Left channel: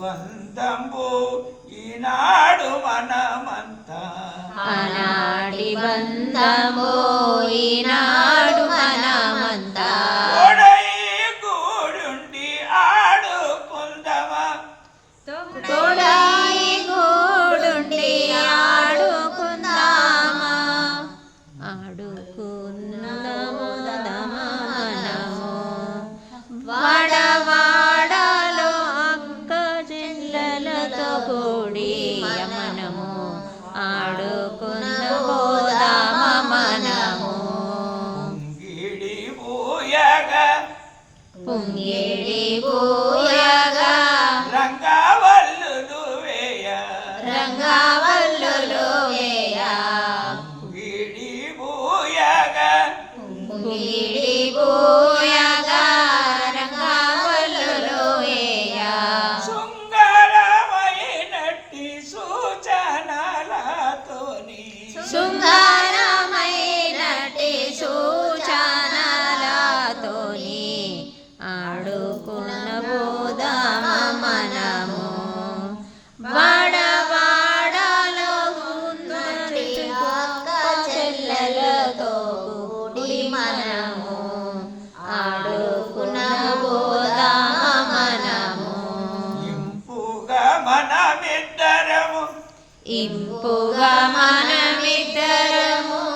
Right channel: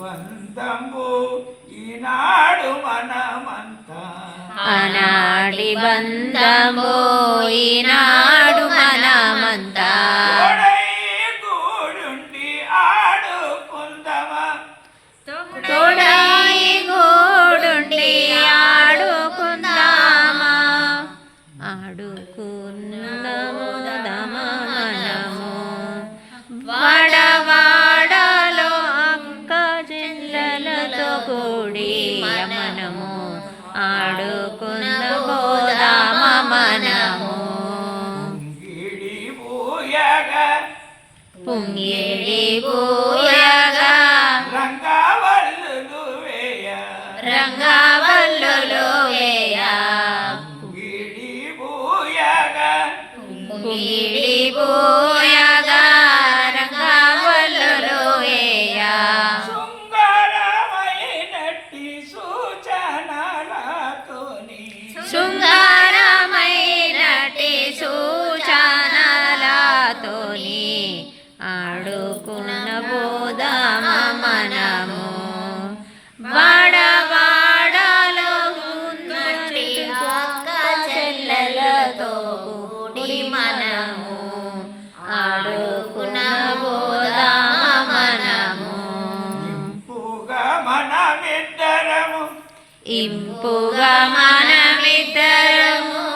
బంధంబు ఈనాడు మనమంతా. ఆనాటి బంధంబు ఈనాడు మనమంతా. పుంగిడి పూయగా. రంగవల్లులు వేయ. రంగవల్లులు వేయ. గిడి ఊయగా పుంగిడి సూచనలతోని ఆడుకున్న బోదామ మనము. వాడవాడలో ఉన్నటి ఒక్క చెల్లెలతో కూడి మనము. ఆడుకున్న బోదామ మనము. ఇంపుగా మనమిద్దరము. ఇంపుగా మనమిద్దరము.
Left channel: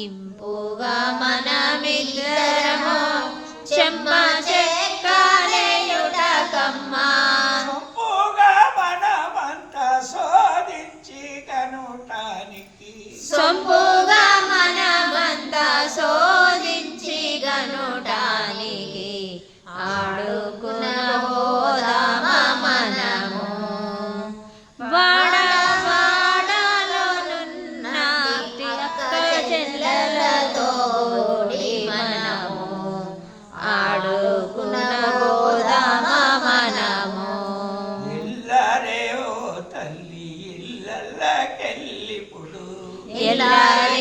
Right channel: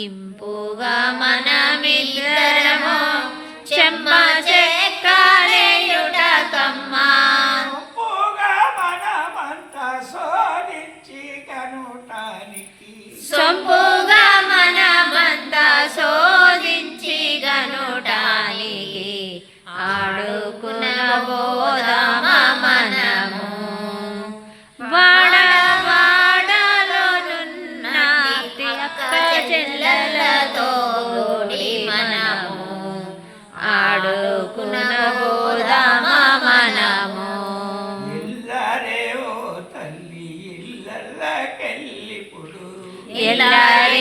ఇంపుగా మనమిద్దరము చెమ్మ చెక్కలేయుటకమ్మ ఇంపుగా మనమంతా శోధించి కనుటానికి. సొంపుగా എല്ലാവരും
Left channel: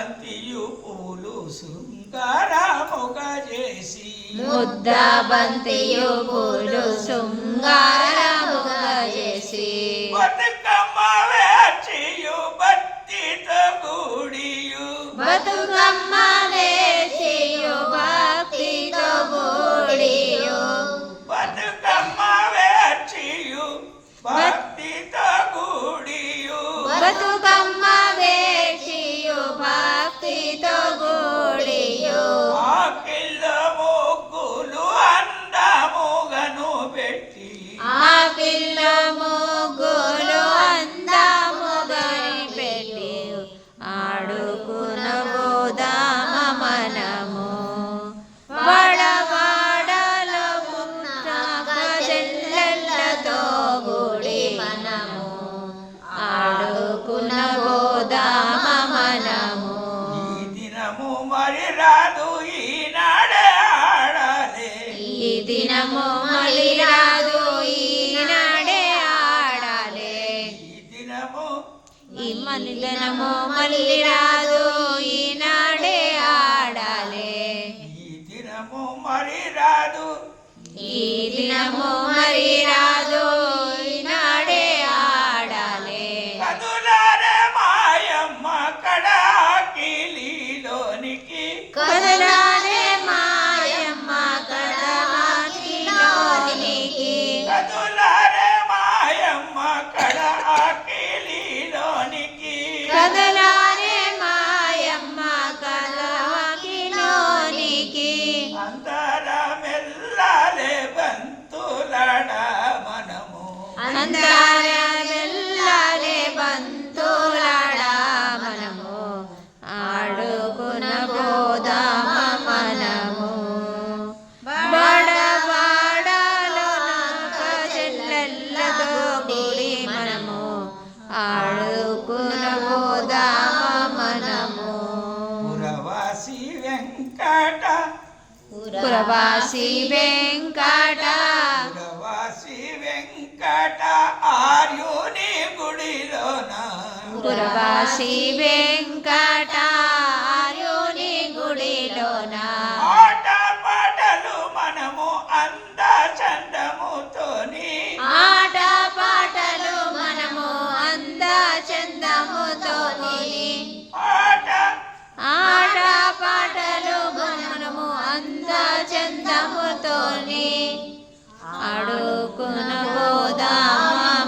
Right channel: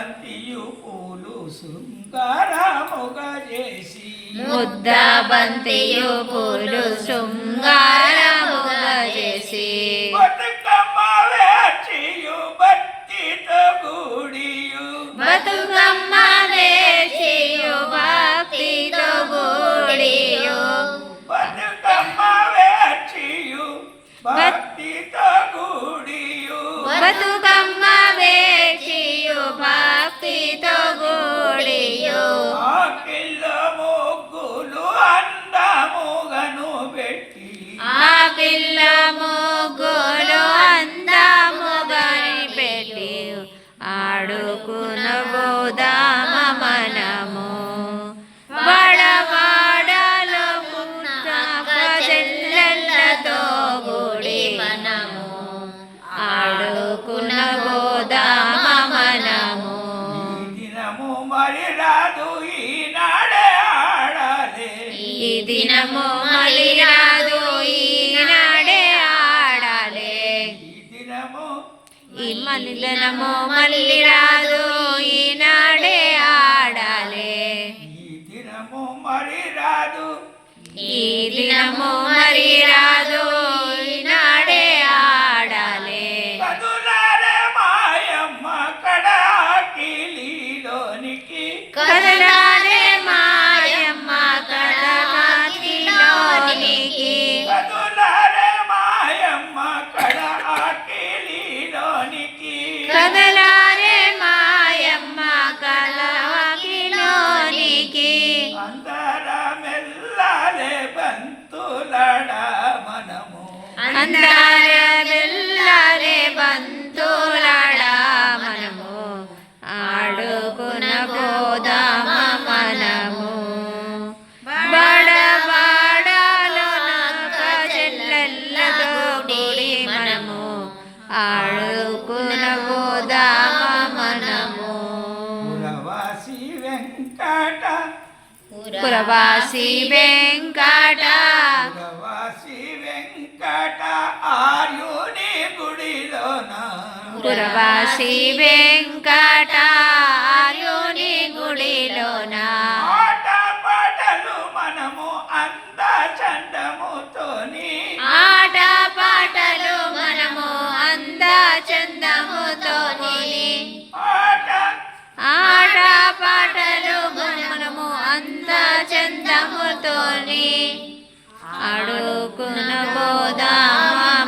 బంతియు పూలు శృంగారముగా చేసి ముద్ద బంతియు పూలు శృంగారముగా చేసి బతుకమ్మ వేచియు బత్తితో గుడియు బతుకమ్మ వేసియు భక్తితో గూడియు బతుకమ్మ వేచియు భక్తితో గుడియు బతుకమ్మ ఆ పిల్ల ముగ్గులు అందముగా పెట్టి ఆడుకున బోదామ మనము వడవాడలో పుట్ట చెల్లెళ్ళతో కూడి మనము ఆడుకున బోదామ మనము ఈ దినము మరి రాదు ఈనాడే ఆడాలే ఈ దినము మళ్ళీ మలిదనము మళ్ళీ రాదు. ఈనాడే ఆడాలే. ఈ దినము మరి రాదు. ఈ దినము మరి రాదు. అందారే బెల్లారే బంతులాడా మనము ఆడుకున్న పోదామ మనము బడబాడలోనొక చెల్లెళ్ళతో కూడి మనము ఆడుకున్న పోదామ మనము పురవాసి వెంకట పురవాసి వెంకట పురవాసి వెంకట ఆర్యుని గుడిలోన. ఆట పాటలు మనము అంద చందముతోని ఆట పాటలు మనము అంద చందముతో కొని ఆట. ఆట పాటలు మనము అంద చందముతోని అడుకున పోదామ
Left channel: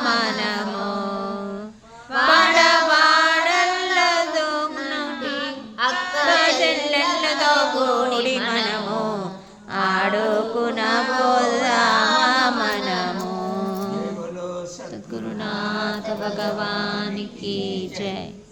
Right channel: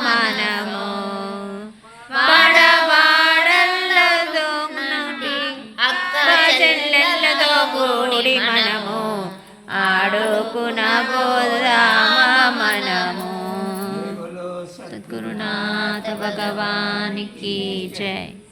మనము? కూడి మనము ఆడుకున పోదామ మనము. సద్గురునాథ భగవానికి జై.